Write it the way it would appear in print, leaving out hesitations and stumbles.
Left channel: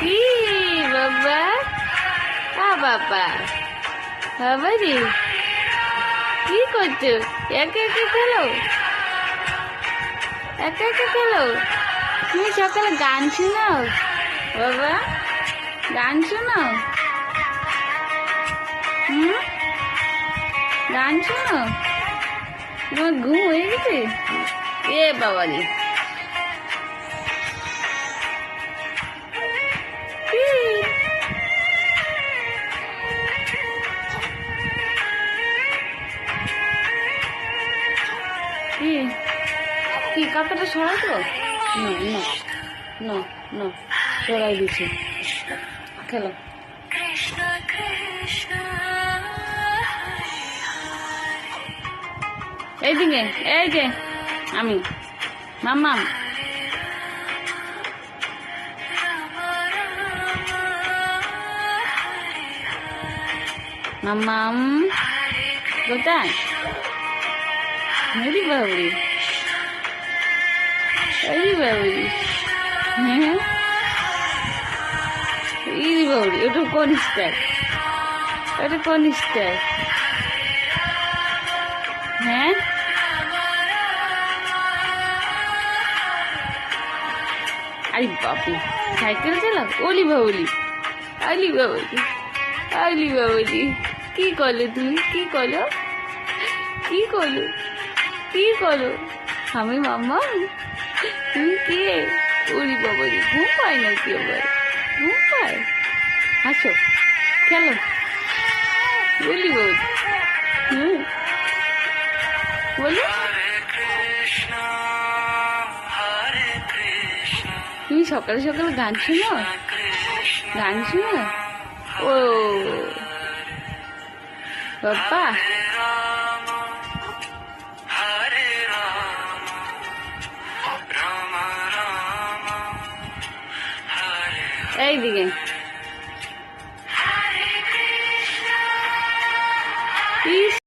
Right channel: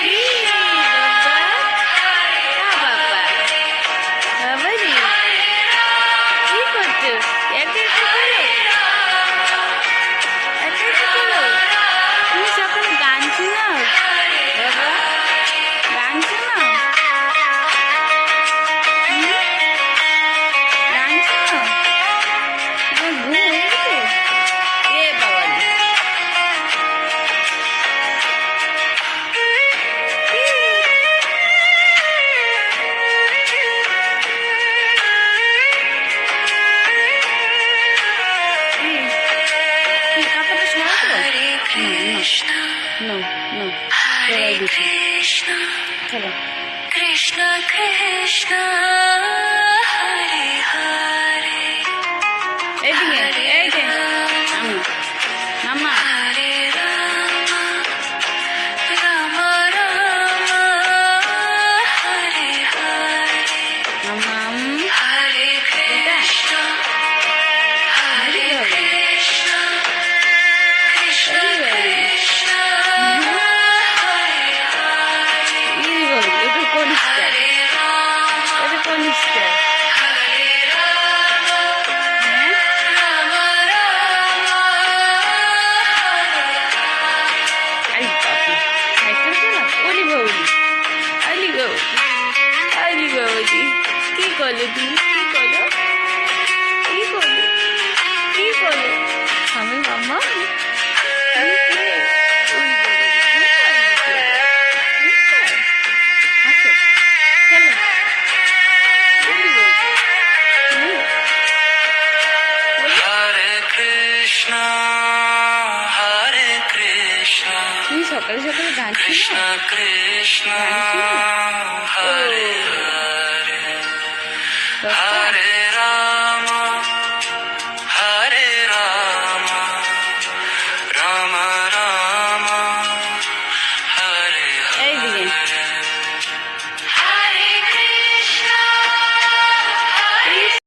কি বাবা, বাবা বাবা রে, কি করছো? একা একা খেলো, একা একা খেলো। তুমি সকালে গান শোনাও বাবা, গান শোনাও, গান শোনাও। তোমার ঘুম হয়ে গেছে? এ বাবা রে, কি কাপড়টা সরাতে? সরাই দিচ্ছি, চলো। কৃষ্ণ কৃষ্ণ হরে হরে। এইদিকে, এই যে আমি মামা, মামাম কোথায়? হরি বাবরি, হরি বাবরি, হরি বাবরি। ওটা কোন স্টার? ওটা কোন স্টার? হ্যাঁ, আরে বাপরে, সাইকেল চালাও? ওলি বাবলি, আলি বাবলি, আলি বাবলি। কি করলো তুমি? কি করলো? কি করলো? কি করো? আমি মাম্মা, তুমি কে? ওই বাবা রে, ঘুম পায় নাকি? এবার ঘুম পায়? আসো, খেলো, বলি বলি বলি। তুমি সকালে সকালে গান শোনো? গান শোনো? ও বাবা, এইদিকে